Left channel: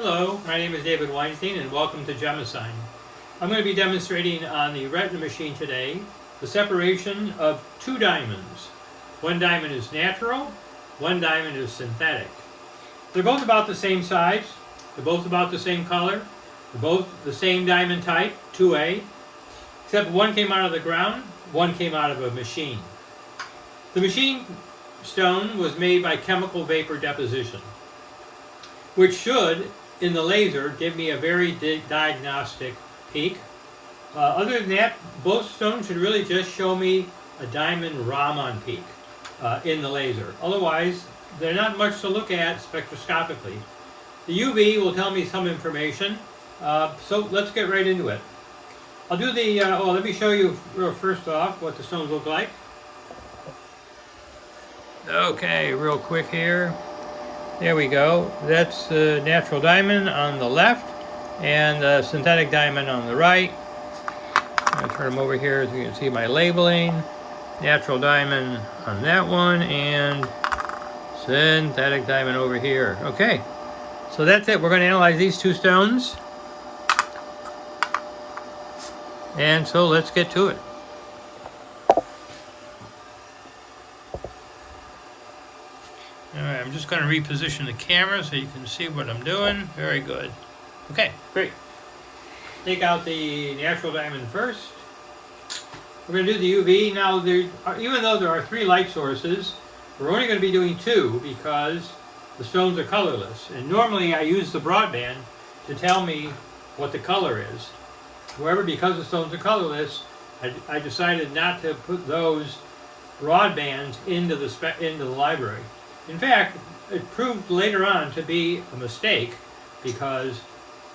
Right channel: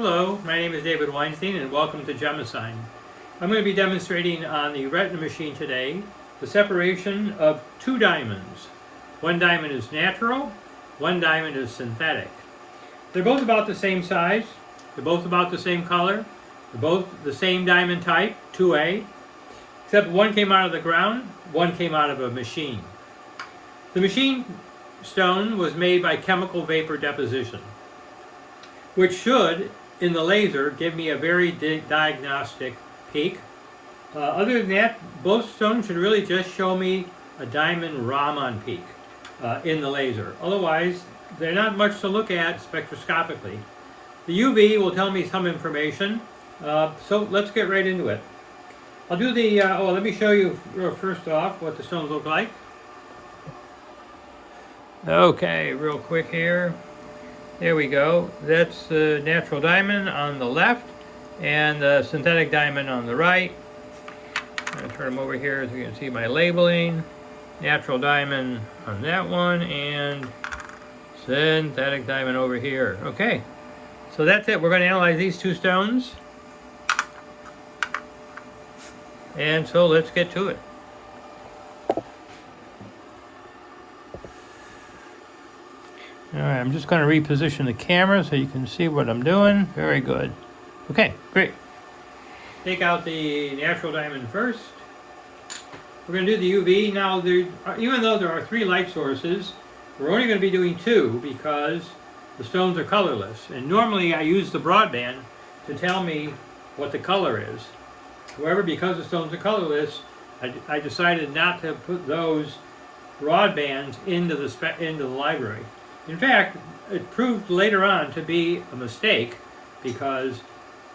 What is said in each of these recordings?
Hello, my name is David Weinstein and welcome to GEMASIGN. I'm going to be demonstrating on the Ratna machine today the separation of two diamonds. One diamond is natural, one diamond is synthetic. They're both about the same size, they're both about the same color, they're both the same diamond type, 2A, except one came out of the ground, one came out of a machine. The machine stone was made by chemical vapor deposition, which should, in the laser, give me a very diagnostic peak. Other than that, both stones should really just show me a diamond Raman peak in the laser. Otherwise, they're not much to look at spectroscopically. The UV will tell me some information, so let's get right into it. I'll do the, let me show you first off what the stones look like. Okay, real quick here. There we go. That's the natural diamond on the left and the synthetic diamond on the right. I'm going to turn them over here so you can see my labeling. Natural diamond on that one and synthetic diamond over here. Okay, so that's it. We're going to analyze these two stones. And so let's get to it. Alright, I'm just going to reposition the camera so you can see what I'm doing. Very good. Okay, great. Take out the natural diamond first. We're going to do the UV. Now, even though there are 3 light sources, we're only going to be doing 2 because the stones are colorless. And normally I use the broadband to tell me what the color is. However, because the stones are colorless, I decided not to put those broadbands into the library. In fact, it proved later on to be a mistake because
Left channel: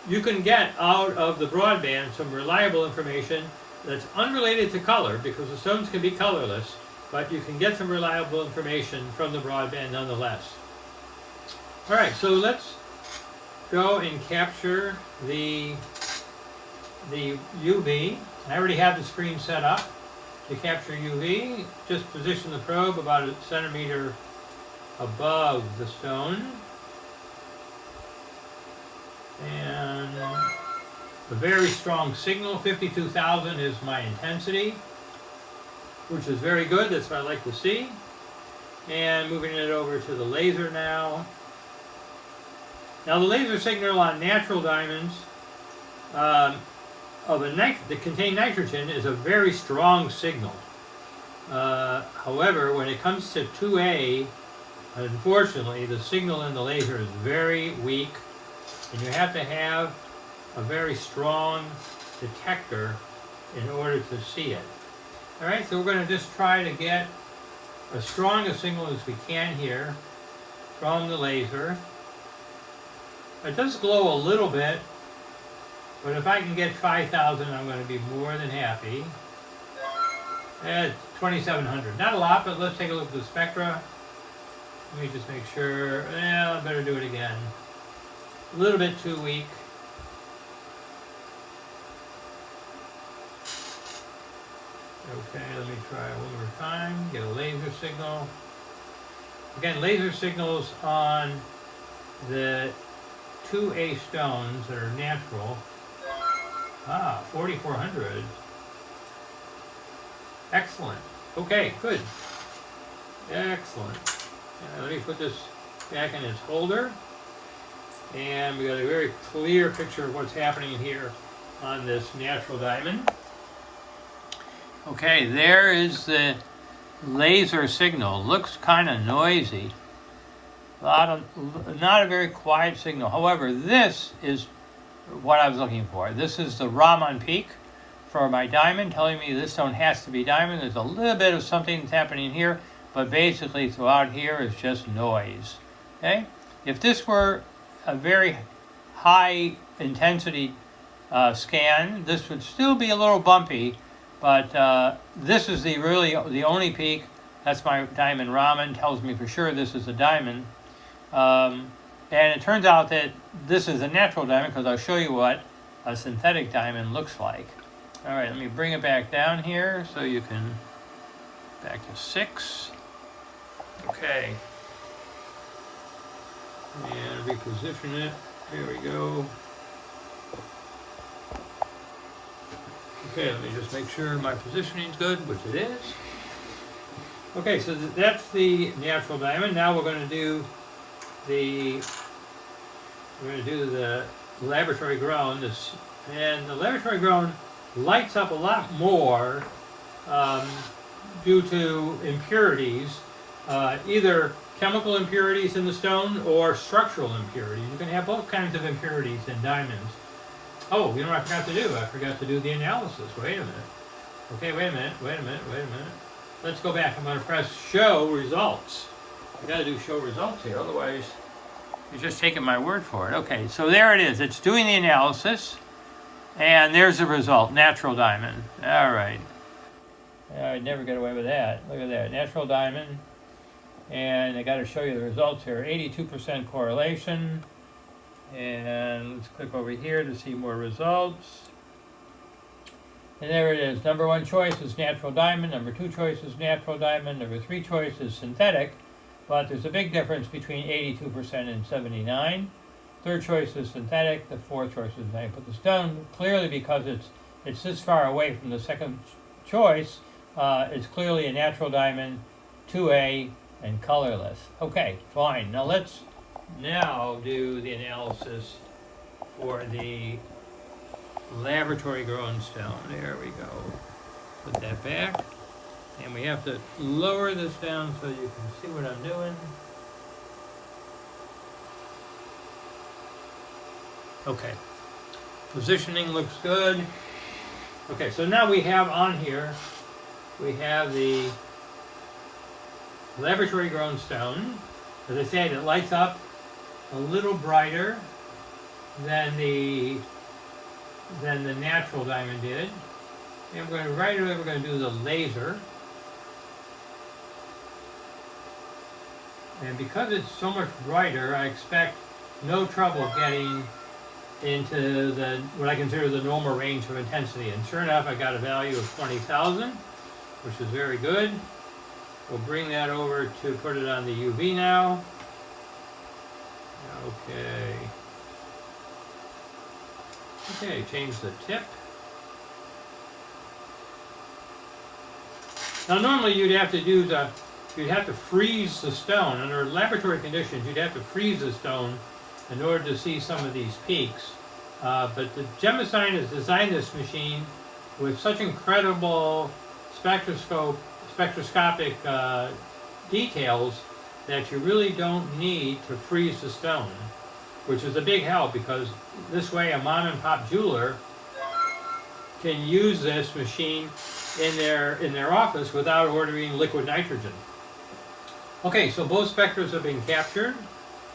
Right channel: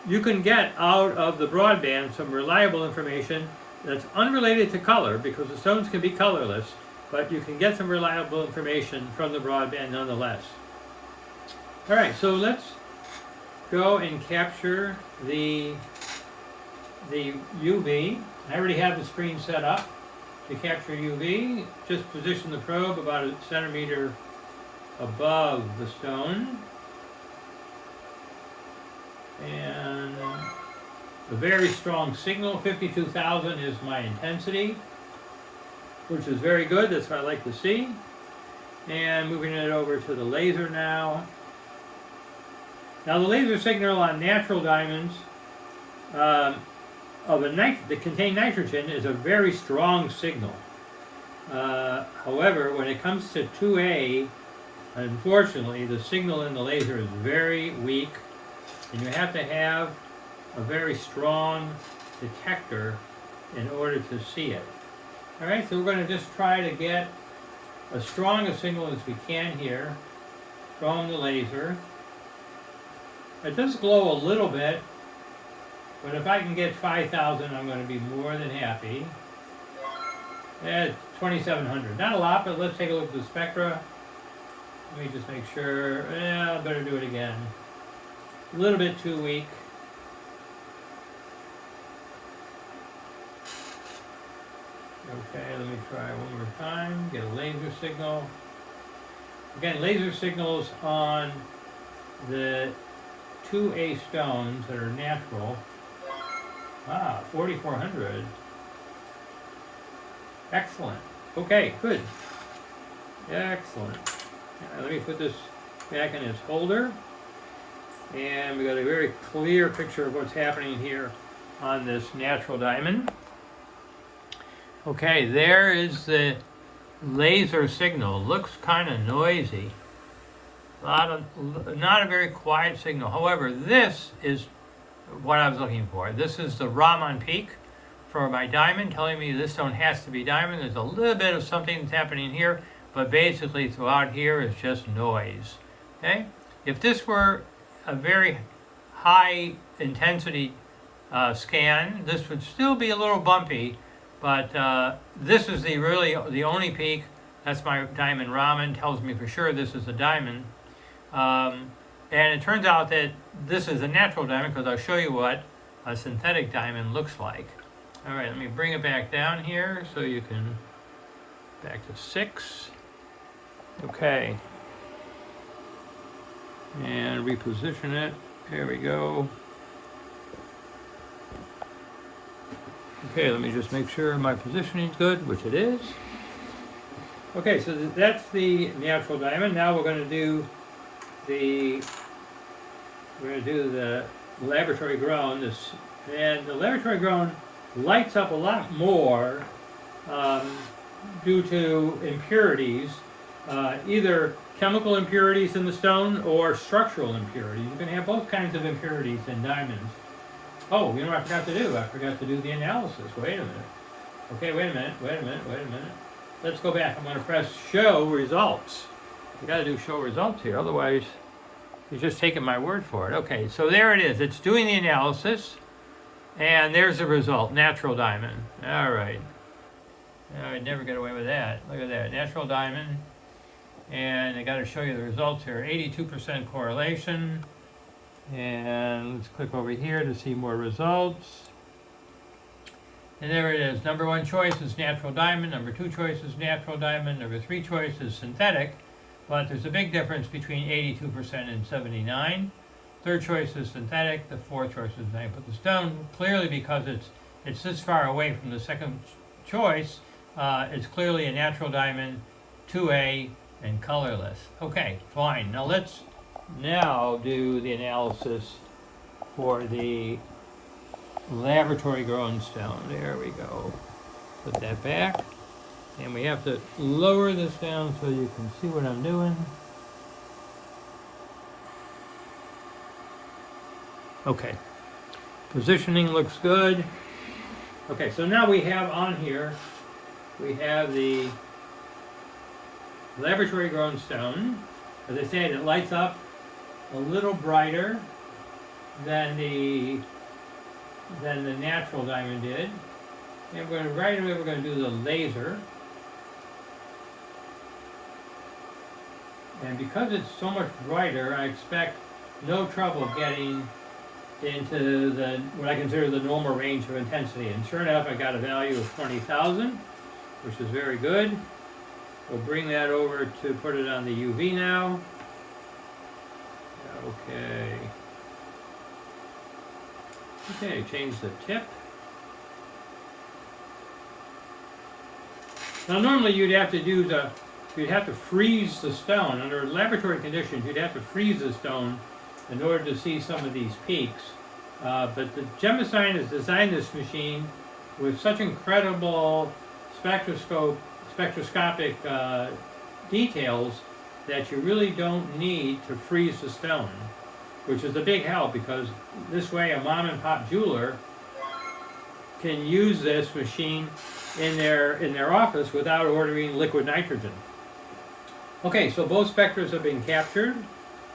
you can get out of the broadband some reliable information that's unrelated to color because the stones can be colorless, but you can get some reliable information from the broadband nonetheless. All right, so let's go and capture the UV. I already have the screen set up to capture UV. Just position the probe about a centimeter above the stone, and a very strong signal. 52,000 is my intensity, which is very good. That's what I like to see. And moving it over to the laser now. Now the laser signal on natural diamonds that contain nitrogen is a very strong signal. However, when it comes to 2A, unfortunately, the signal in the laser is very weak, and you have to have a very strong detector in order to see it. All right, so we're going to just try to get as strong a signal as we can here from the laser. It does glow a little bit, but if I can get 5,000, I'm going to be more than happy. At 2,700. Not a lot, but let's take a look at the spectra. Let me just make sure. Yeah, I better do it again. A little bit too weak. Okay, let me try one more time. Get a laser signal. Again, laser signals on the 2A stones that are natural. 4,400. Excellent. Okay, good. Excellent. Let me put this back in its holder, and we got a very clear picture of what's happening here on this natural diamond. Okay, there is the laser signal. Looks kind of noisy. Not a very quiet signal. However, this is what I was looking for. This is the Raman peak for my diamond, telling me this stone has to be diamond. There's a little bit of something that's happening here, but basically throughout here is just noise. Okay? If this were a very high intensity scan, this would still be a little bumpy, but this is the only peak. That's my diamond Raman, tells me for sure this is a diamond. And it turns out that this is a natural diamond because I'll show you what a synthetic diamond looks like. All right, let me bring it back down here so you can, back to 6. Okay. And reposition it There we go. Okay, let me just make sure my positioning is good, which it is. Okay, so that's the natural diamond. Now we're going to do the laboratory grown. And the laboratory grown lights up a lot more due to impurities, either chemical impurities in the stone or structural impurities. You can have both kinds of impurities in diamonds. Oh, you know what I forgot to do? I forgot to do the analysis. Wait a minute. Okay, wait a minute. Let's go back. I'm going to press show results. I got to do show results here, otherwise you're just taking my word for it. Okay, so there it is. It's doing the analysis, and there's the result, natural diamond. All right. I'd never get away with that. Look at that, natural diamond. And I got to show you the results here. 82% correlation. And let's click over here to see more results. And there it is. Number 1 choice is natural diamond. Number 2 choice is natural diamond. Number 3 choice is synthetic. But there's a big difference between 82% and 79%. Third choice is synthetic. The fourth choice is I put the stone. Clearly, because it's this far away from the second choice, it's clearly a natural diamond, 2A, and colorless. Okay, fine. Now let's do the analysis for the laboratory grown stone. There we go. Put that back. And we have to lower this down so you can see what I'm doing. Okay. Positioning looks good. Okay, so now we have on here, we have the laboratory grown stone. As I said, it lights up a little brighter than the natural diamond did. And right away we're going to do the laser. And because it's so much brighter, I expect no trouble getting into what I consider the normal range of intensity. And sure enough, I got a value of 20,000, which is very good. We'll bring that over to put it on the UV now. Okay. Okay, change the tip. Now normally you'd have to freeze the stone. Under laboratory conditions, you'd have to freeze the stone in order to see some of these peaks. But the GEMASIGN has designed this machine with such incredible spectroscopic details that you really don't need to freeze the stone, which is a big help, because this way a mom and pop jeweler can use this machine in their office without ordering liquid nitrogen. Okay, so both spectras have been captured.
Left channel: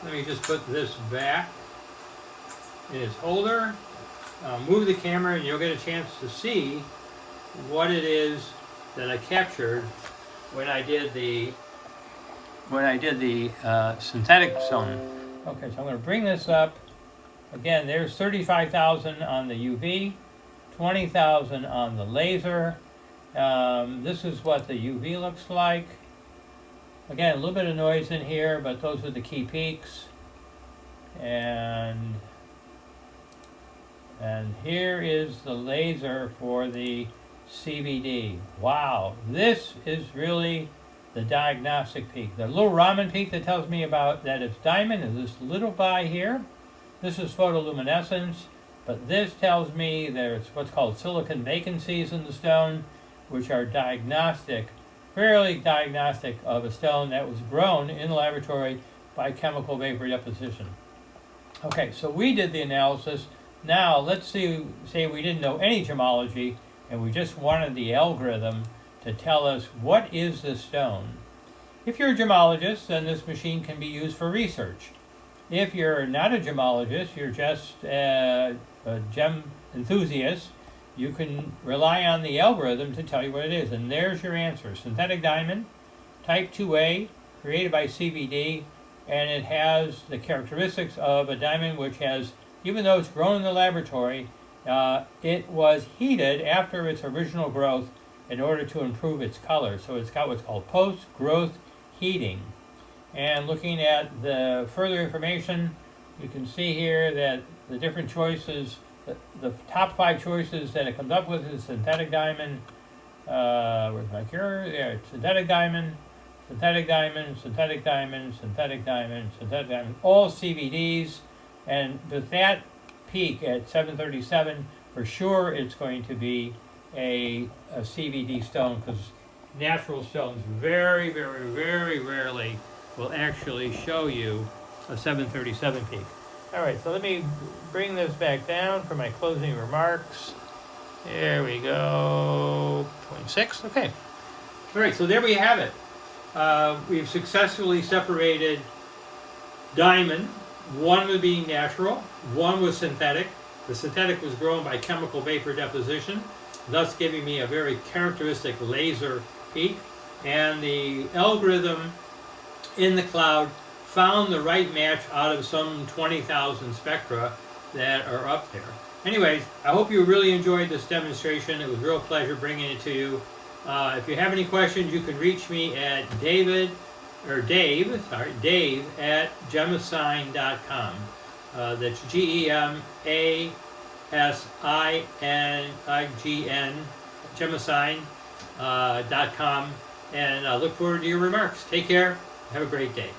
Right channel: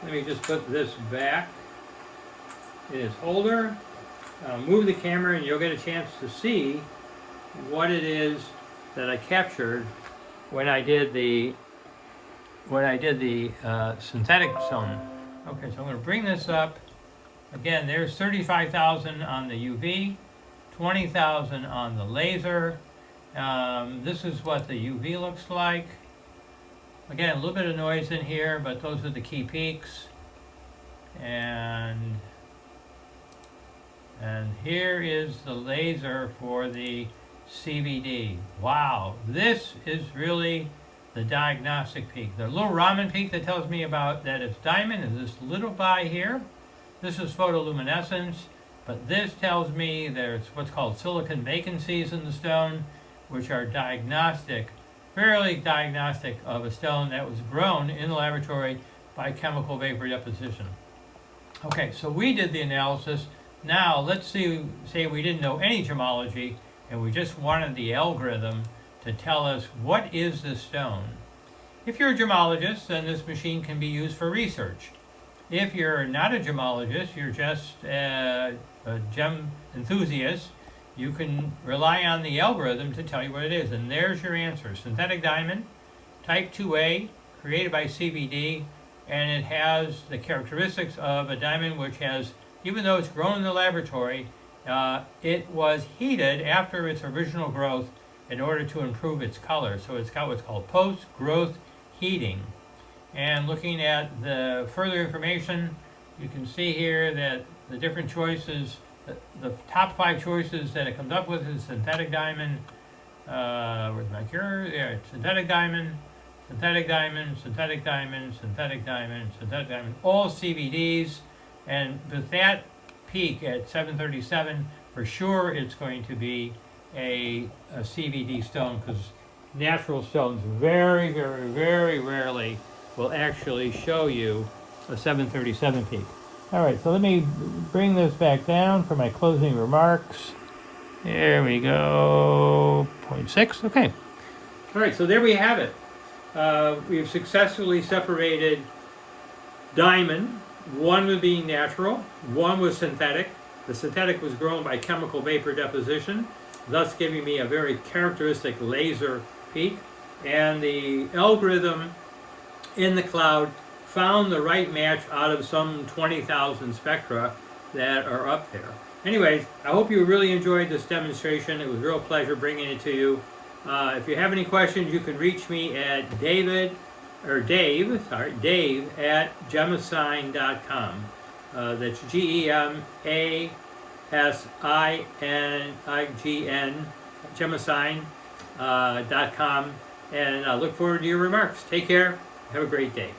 Let me just put this back in its holder. Move the camera and you'll get a chance to see what it is that I captured when I did the synthetic stone. Okay, so I'm going to bring this up. Again, there's 35,000 on the UV, 20,000 on the laser. This is what the UV looks like. Again, a little bit of noise in here, but those are the key peaks. And here is the laser for the CVD. Wow, this is really the diagnostic peak. The little Raman peak that tells me about that it's diamond is this little guy here. This is photoluminescence, but this tells me there's what's called silicon vacancies in the stone, which are diagnostic, fairly diagnostic of a stone that was grown in the laboratory by chemical vapor deposition. Okay, so we did the analysis. Now let's say we didn't know any gemology and we just wanted the algorithm to tell us what is this stone. If you're a gemologist, then this machine can be used for research. If you're not a gemologist, you're just a gem enthusiast, you can rely on the algorithm to tell you what it is. And there's your answer. Synthetic diamond, type 2A, created by CVD, and it has the characteristics of a diamond which has, even though it's grown in the laboratory, it was heated after its original growth in order to improve its color. So it's got what's called post-growth heating. And looking at the further information, you can see here that the different choices, the top 5 choices that it comes up with is synthetic diamond, where's my cure? Yeah, synthetic diamond, synthetic diamond, synthetic diamond, synthetic diamond, synthetic diamond, all CVDs. And with that peak at 737, for sure it's going to be a CVD stone, because natural stones very, very, very rarely will actually show you a 737 peak. All right, so let me bring this back down for my closing remarks. There we go, 0.6, okay. All right, so there we have it. We've successfully separated diamond. One was being natural, one was synthetic. The synthetic was grown by chemical vapor deposition, thus giving me a very characteristic laser peak. And the algorithm in the cloud found the right match out of some 20,000 spectra that are up there. Anyways, I hope you really enjoyed this demonstration. It was a real pleasure bringing it to you. If you have any questions, you can reach me at Dave at GEMASIGN.com. That's GEMASIGN, GEMASIGN.com. And I look forward to your remarks. Take care. Have a great day.